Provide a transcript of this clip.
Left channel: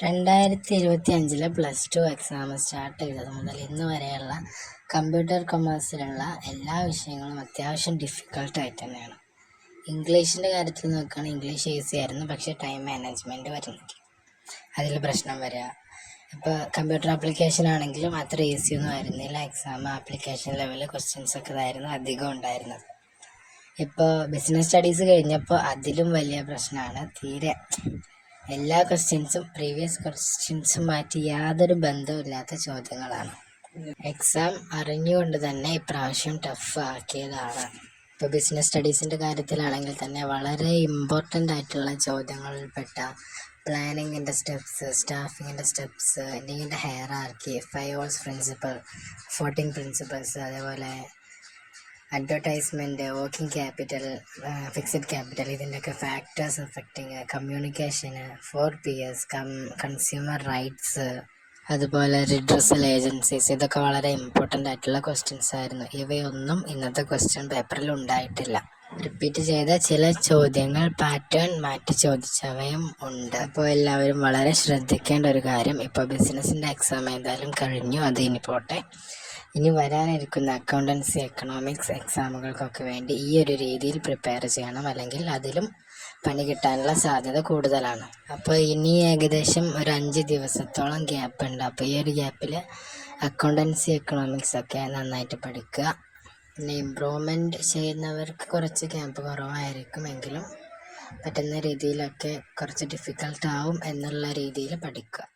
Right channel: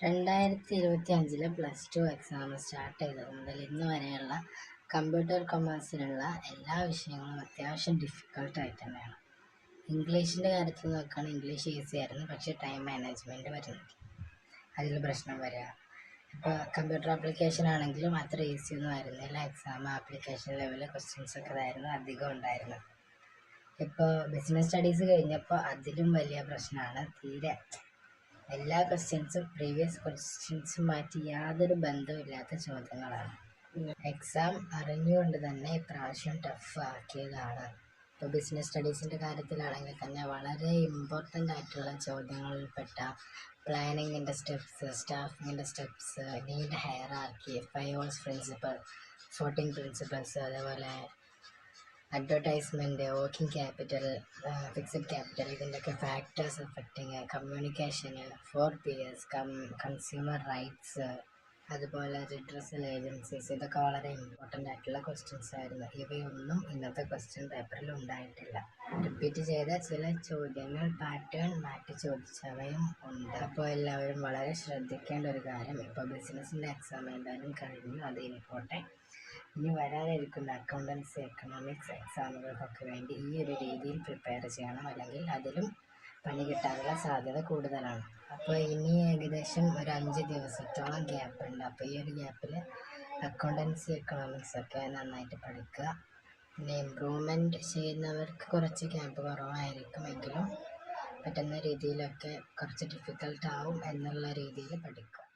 2025 +2 exam start ചെയ്തത് മുതൽ ഇന്ന് വരെയുള്ള കമ്പ്യൂട്ടർ കൊമേഴ്സിലുള്ള എല്ലാ വിഷയങ്ങളും അത്യാവശ്യം ഡിഫിക്കൽട്ടായിട്ട് തന്നെയാണ്. ഇംഗ്ലീഷിൻ്റെ കാര്യത്തിൽ നോക്കുകയാണെങ്കിൽ ഇംഗ്ലീഷ് ഈസി ആയിരുന്നു, പക്ഷേ ടൈം മാനേജ്മെൻറ്റ് വരുന്നില്ല, അതിൽ പ്രശ്നം വരിക. ഇപ്പോൾ കമ്പ്യൂട്ടർ ആപ്ലിക്കേഷൻ ആണെങ്കിലും അത്ര ഈസിയൊന്നും ആയിരുന്നില്ല. എക്സാം ആപ്ലിക്കേഷൻ ലെവലിൽ ക്വസ്റ്റ്യൻസൊക്കെ ഇതായിരുന്നു അധികം ഉണ്ടായിരുന്നത്. ഇപ്പോൾ ബിസിനസ് സ്റ്റഡീസ് കഴിഞ്ഞപ്പോൾ അതിലും വലിയ പ്രശ്നമാണ്. തീരെ എല്ലാ ക്വസ്റ്റ്യൻസും പ്രീവിയസ് ക്വസ്റ്റ്യൻസും മാറ്റി യാതൊരു ബന്ധമില്ലാത്ത ചോദ്യങ്ങളാണ്. എക്സാം അറിഞ്ഞുകൊണ്ട് തന്നെ ഇപ്രാവശ്യം ടഫ് ആക്കിയതാണ്. ഇപ്പോൾ ബിസിനസ് സ്റ്റഡീസിൻ്റെ കാര്യത്തിലാണെങ്കിൽ തന്നെ വളരെ ഇമ്പോർട്ടൻ്റ് ആയിട്ടുള്ള ചോദ്യങ്ങളിൽപ്പെട്ട പ്ലാനിങ്ങിൻ്റെ സ്റ്റെപ്സ്, സ്റ്റാഫിങ്ങിൻ്റെ steps, need hierarchy, 5 O's principle, 14 principles, അതേപോലെ advertisement, working capital, fixed capital, ഇതിൻ്റെയൊക്കെ ഫാക്ടേഴ്സ് എഫക്റ്റിങ്, കമ്മ്യൂണിക്കേഷന്, 4Ps, കൺസ്യൂമർ റൈറ്റ്സ്, അതുപോലെ റിഡ്രസൽ ഏജൻസീസ്, ഇതൊക്കെ വളരെ ഇമ്പോർട്ടൻ്റ് ആയിട്ടുള്ള ക്വസ്റ്റ്യൻസ് ആയിരുന്നു. ഇവയൊന്നും ഇന്നത്തെ ക്വസ്റ്റ്യൻ പേപ്പറിൽ ഉണ്ടായിട്ടില്ല. റിപ്പീറ്റ് ചെയ്ത ചില ചോദ്യങ്ങൾ പാറ്റേൺ മാറ്റി ചോദിച്ചവയും ഉണ്ട്. അപ്പോൾ എല്ലാവരും വളരെ ശ്രദ്ധിക്കേണ്ട ഒരു കാര്യം, ഇപ്പോൾ ബിസിനസ്സിൻ്റെ എക്സാം ഏതായാലും കഴിഞ്ഞു, അത് ഇനി പോട്ടെ. ഇനി വരാനിരിക്കുന്ന അക്കൗണ്ടൻസി, എക്കണോമിക്സ് എക്സാമുകൾക്കൊക്കെ വേണ്ടി ഈ ഒരു രീതിയിൽ പ്രിപ്പയർ ചെയ്യണം, അല്ലെങ്കിൽ അതിലും പണി കിട്ടാനുള്ള സാധ്യത കൂടുതലാണ്. അപ്പോൾ ഇനി ഏകദേശം ഒരു 5 ദിവസത്തോളം ഗ്യാപ്പ് ഉണ്ട്. അപ്പോൾ ഈ ഒരു ഗ്യാപ്പിൽ അക്കൗണ്ടൻസി, എക്കണോമിക്സ് ഒക്കെ നന്നായിട്ട് പഠിക്കുക. പിന്നെ ഇമ്പ്രൂവ്മെൻറ്റ് ചെയ്യുന്നവർക്ക് കുറച്ച് ഗ്യാപ്പ് കുറവായിരിക്കും, എങ്കിലും പറ്റുന്ന രീതിയിലൊക്കെ കുറച്ച് ഡിഫിക്കൽട്ടാവും എന്നുള്ള രീതിയിൽ പഠിക്കുക.